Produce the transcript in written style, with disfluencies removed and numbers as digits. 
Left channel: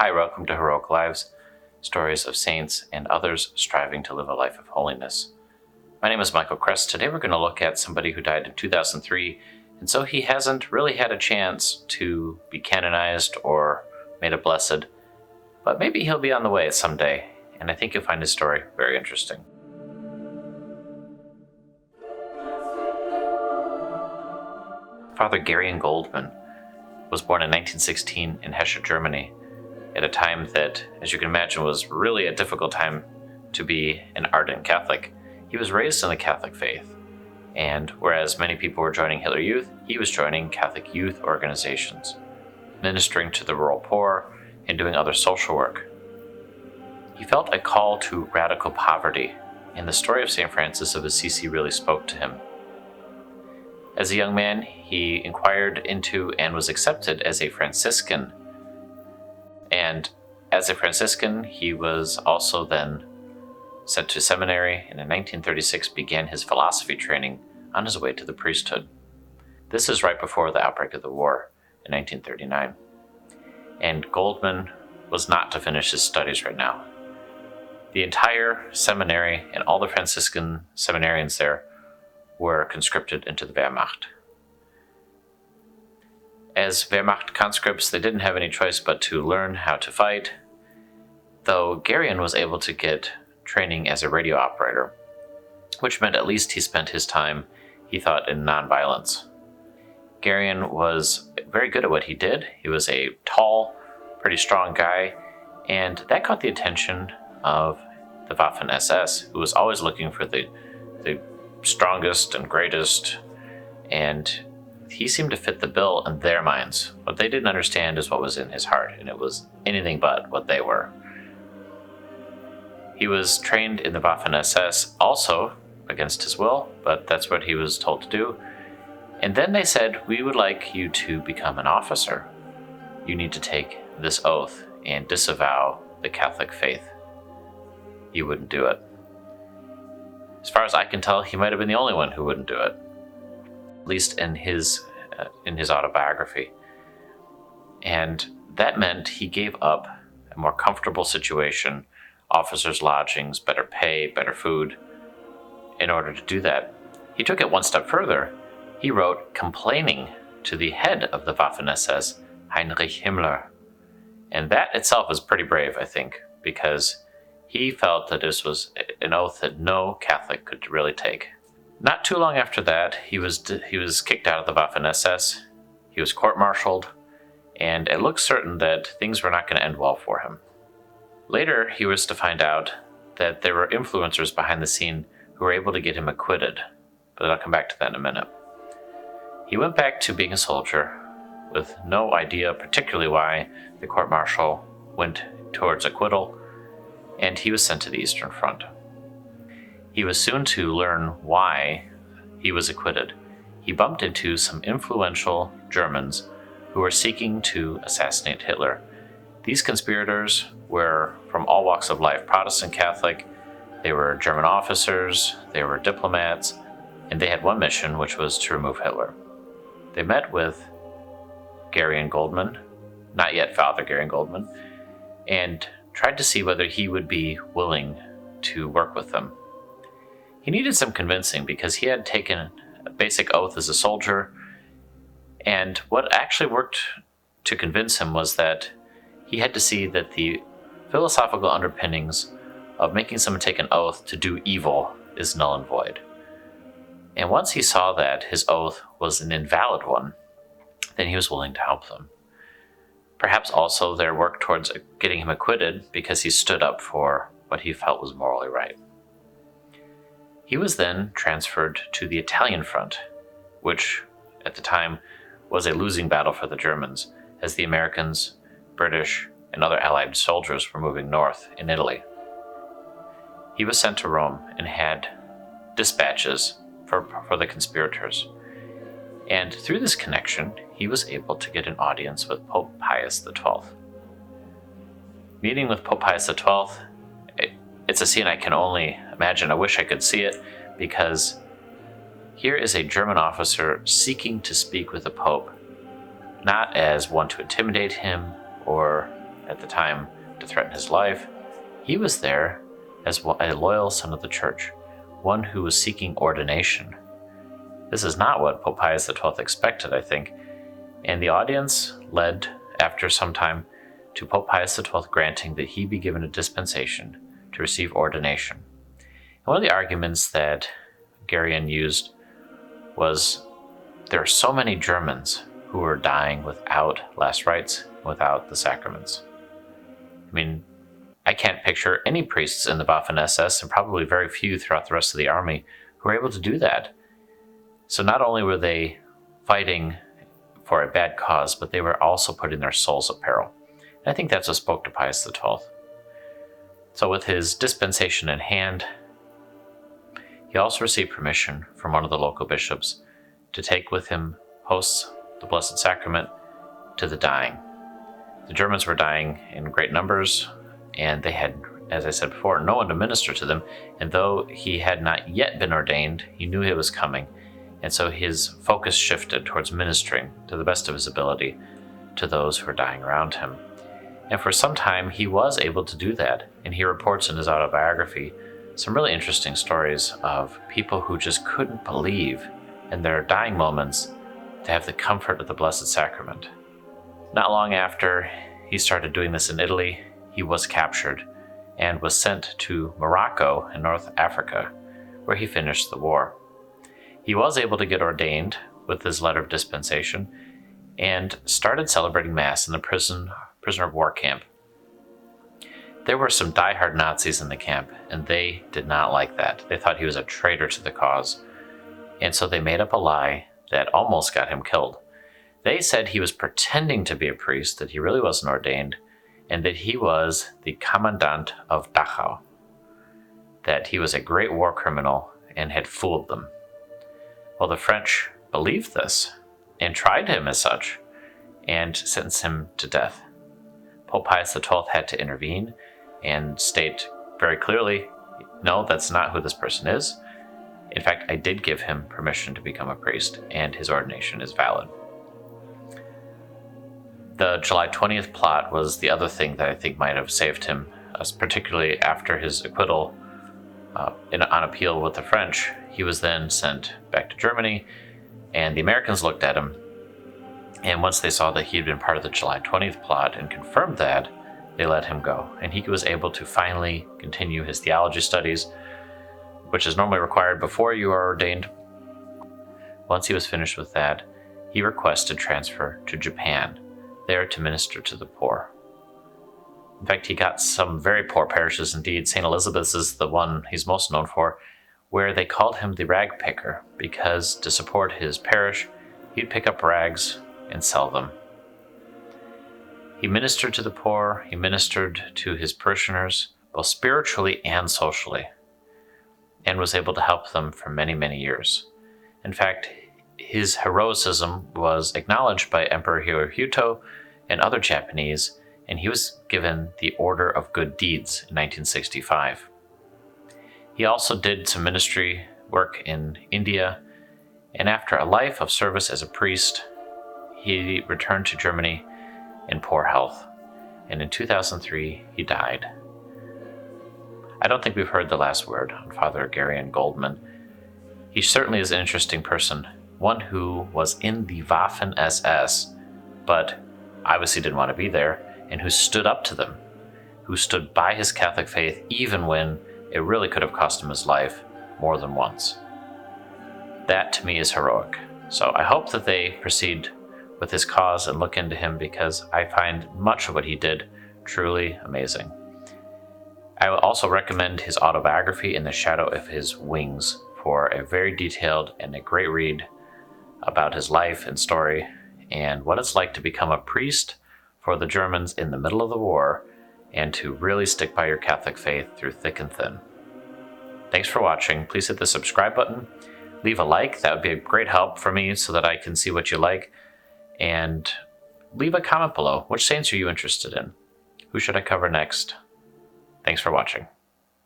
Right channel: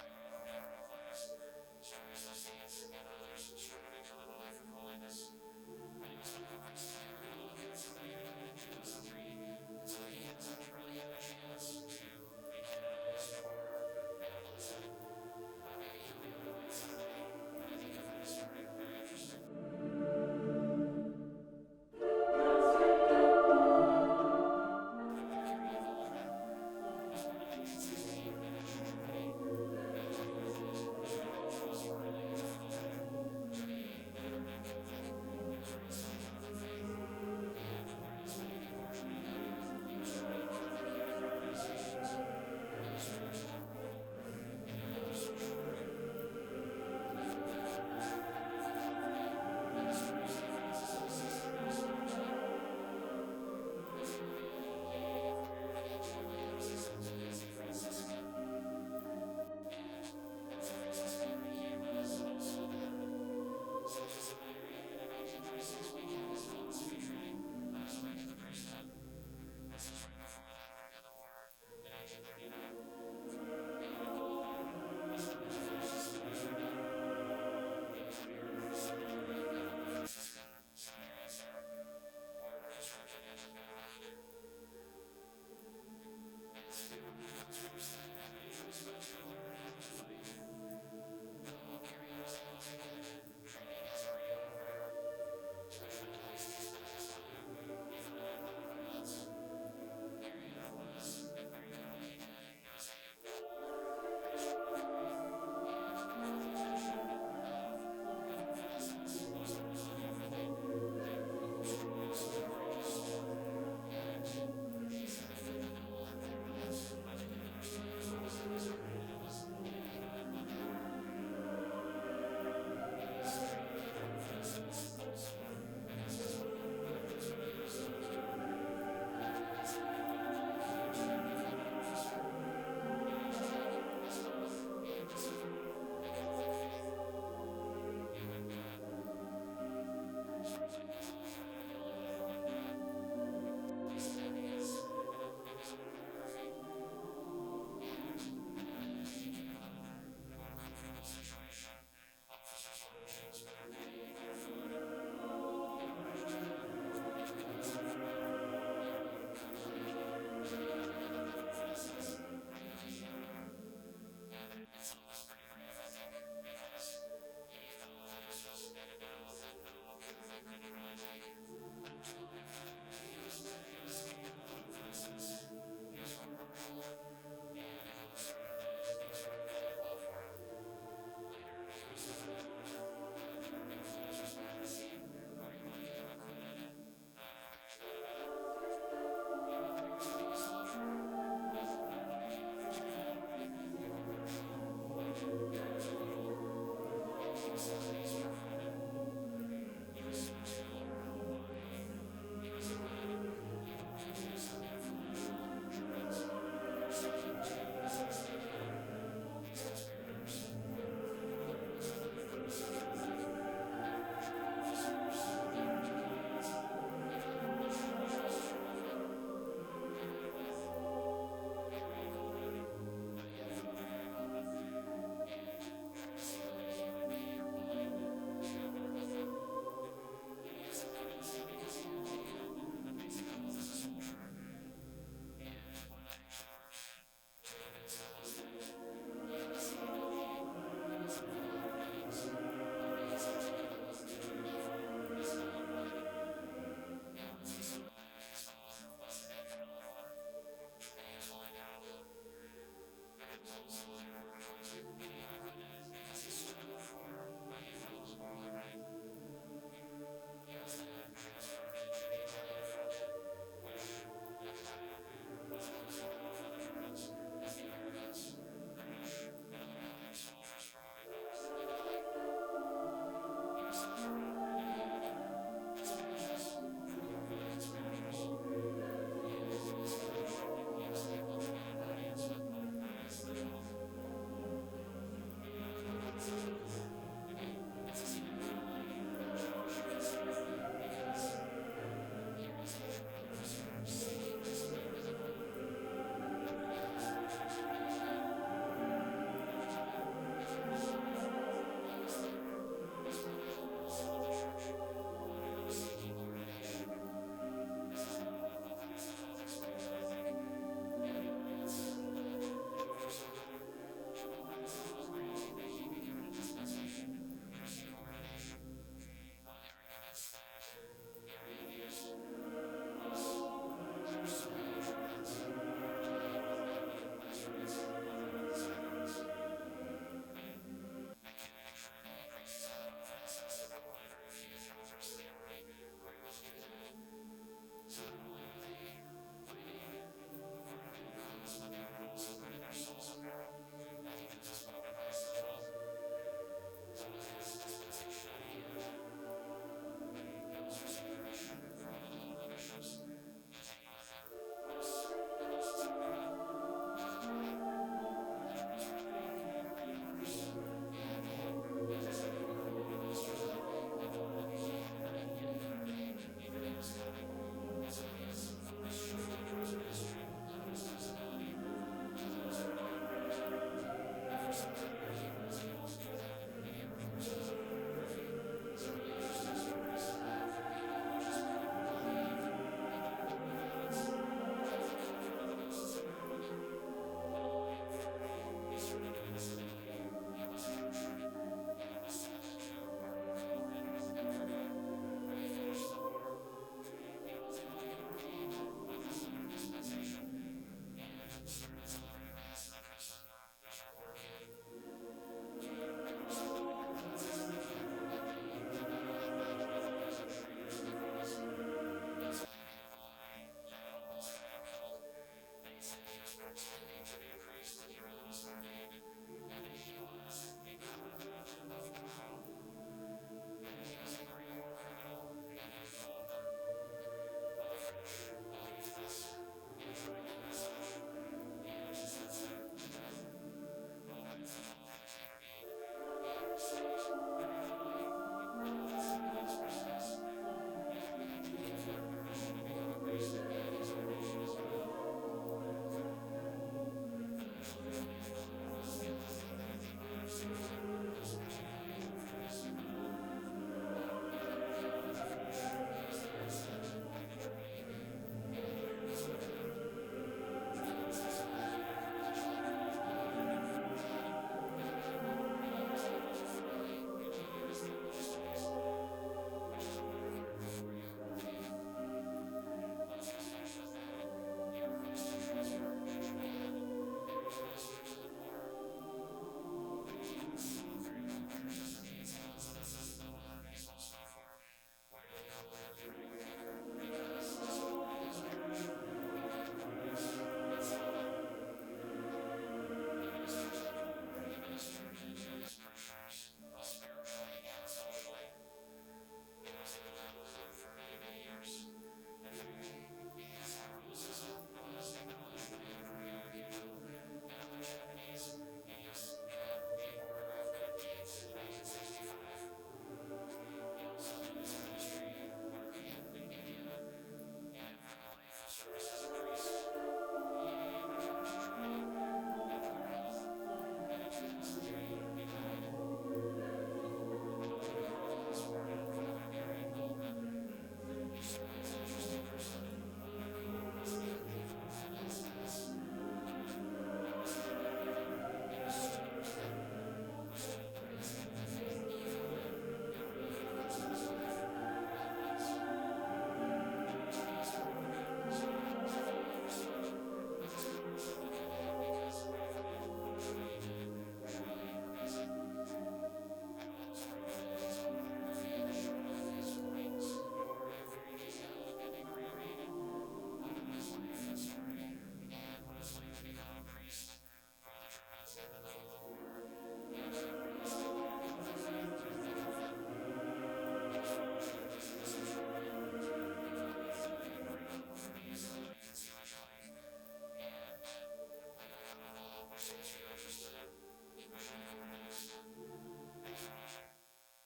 Hi, welcome to Heroic Lives, stories of saints and others striving to live a life of holiness. My name is Michael Kress. Today we're going to look at somebody who died in 2003, and so he hasn't really had a chance to be canonized or made a blessed, but maybe he'll be on the way someday, and I think you'll find his story very interesting. Father Gereon Goldmann was born in 1916 in Hesse, Germany, at a time that, as you can imagine, was really a difficult time to be an ardent Catholic. He was raised in the Catholic faith, and whereas many people were joining Hitler Youth, he was joining Catholic youth organizations, ministering to the rural poor and doing other social work. He felt a call to radical poverty, and the story of St. Francis of Assisi really spoke to him. As a young man, he inquired into and was accepted as a Franciscan. And as a Franciscan, he was also then sent to seminary, and in 1936 began his philosophy training on his way to the priesthood. This is right before the outbreak of the war in 1939. And Goldmann was not to finish his studies right now. The entire seminary and all the Franciscan seminarians there were conscripted into the Wehrmacht. As Wehrmacht conscripts, they didn't have any choice but to learn how to fight, though Gereon was able to get training as a radio operator, which meant at least he spent his time, he thought, in nonviolence. Gereon was very good at what he did. He was a tall, pretty strong guy, and that caught the attention of the Waffen-SS, who was always looking for the strongest and greatest, and he seemed to fit the bill in their minds. What they didn't understand is what was in his heart, and it was anything but what they were. He was trained in the Waffen-SS, also against his will, but that's what he was told to do. And then they said, "We would like you to become an officer. You need to take this oath and disavow the Catholic faith." He wouldn't do it. As far as I can tell, he might have been the only one who wouldn't do it, at least in his autobiography. And that meant he gave up a more comfortable situation, officers' lodgings, better pay, better food, in order to do that. He took it one step further. He wrote complaining to the head of the Waffen-SS, Heinrich Himmler. And that itself is pretty brave, I think, because he felt that this was an oath that no Catholic could really take. Not too long after that, he was kicked out of the Waffen-SS. He was court-martialed, and it looked certain that things were not going to end well for him. Later, he was to find out that there were influencers behind the scene who were able to get him acquitted, but I'll come back to that in a minute. He went back to being a soldier with no idea particularly why the court-martial went towards acquittal, and he was sent to the Eastern Front. He was soon to learn why he was acquitted. He bumped into some influential Germans who were seeking to assassinate Hitler. These conspirators were from all walks of life, Protestant, Catholic. They were German officers, they were diplomats, and they had one mission, which was to remove Hitler. They met with Gereon Goldmann, not yet Father Gereon Goldmann, and tried to see whether he would be willing to work with them. He needed some convincing because he had taken a basic oath as a soldier, and what actually worked to convince him was that he had to see that the philosophical underpinnings of making someone take an oath to do evil is null and void. And once he saw that his oath was an invalid one, then he was willing to help them. Perhaps also their work towards getting him acquitted because he stood up for what he felt was morally right. He was then transferred to the Italian front, which at the time was a losing battle for the Germans, as the Americans, British, and other Allied soldiers were moving north in Italy. He was sent to Rome and had dispatches for the conspirators. And through this connection, he was able to get an audience with Pope Pius XII. Meeting with Pope Pius XII, it's a scene I can only imagine. I wish I could see it, because here is a German officer seeking to speak with the Pope, not as one to intimidate him or, at the time to threaten his life. He was there as a loyal son of the Church, one who was seeking ordination. This is not what Pope Pius XII expected, I think, and the audience led, after some time, to Pope Pius XII granting that he be given a dispensation to receive ordination. And one of the arguments that Gereon used was there are so many Germans who are dying without last rites, without the sacraments. I mean, I can't picture any priests in the Waffen-SS, and probably very few throughout the rest of the army, who were able to do that. So not only were they fighting for a bad cause, but they were also putting their souls at peril. And I think that's what spoke to Pius XII. So with his dispensation in hand, he also received permission from one of the local bishops to take with him hosts, the Blessed Sacrament, to the dying. The Germans were dying in great numbers, and they had, as I said before, no one to minister to them. And though he had not yet been ordained, he knew it was coming. And so his focus shifted towards ministering to the best of his ability to those who were dying around him. And for some time, he was able to do that. And he reports in his autobiography some really interesting stories of people who just couldn't believe in their dying moments to have the comfort of the Blessed Sacrament. Not long after he started doing this in Italy, he was captured and was sent to Morocco in North Africa, where he finished the war. He was able to get ordained with his letter of dispensation and started celebrating Mass in the prisoner of war camp. There were some diehard Nazis in the camp, and they did not like that. They thought he was a traitor to the cause, and so they made up a lie that almost got him killed. They said he was pretending to be a priest, that he really wasn't ordained, and that he was the commandant of Dachau, that he was a great war criminal and had fooled them. Well, the French believed this and tried him as such and sentenced him to death. Pope Pius XII had to intervene and state very clearly, no, that's not who this person is. In fact, I did give him permission to become a priest, and his ordination is valid. The July 20th plot was the other thing that I think might have saved him, particularly after his acquittal on appeal with the French. He was then sent back to Germany, and the Americans looked at him, and once they saw that he had been part of the July 20th plot and confirmed that, they let him go. And he was able to finally continue his theology studies, which is normally required before you are ordained. Once he was finished with that, he requested transfer to Japan, there to minister to the poor. In fact, he got some very poor parishes indeed. St. Elizabeth's is the one he's most known for, where they called him the rag picker, because to support his parish, he'd pick up rags and sell them. He ministered to the poor, he ministered to his parishioners, both spiritually and socially, and was able to help them for many, many years. In fact, his heroism was acknowledged by Emperor Hirohito and other Japanese, and he was given the Order of Good Deeds in 1965. He also did some ministry work in India, and after a life of service as a priest, he returned to Germany in poor health, and in 2003 he died. I don't think we've heard the last word on Father Gereon Goldmann. He certainly is an interesting person, one who was in the Waffen-SS, but obviously didn't want to be there, and who stood up to them, who stood by his Catholic faith even when it really could have cost him his life more than once. That, to me, is heroic. So I hope that they proceed with his cause and look into him, because I find much of what he did truly amazing. I will also recommend his autobiography, In the Shadow of His Wings, for a very detailed and a great read about his life and story and what it's like to become a priest for the Germans in the middle of the war and to really stick by your Catholic faith through thick and thin. Thanks for watching. Please hit the subscribe button. Leave a like. That would be a great help for me so that I can see what you like. And leave a comment below. Which saints are you interested in? Who should I cover next? Thanks for watching.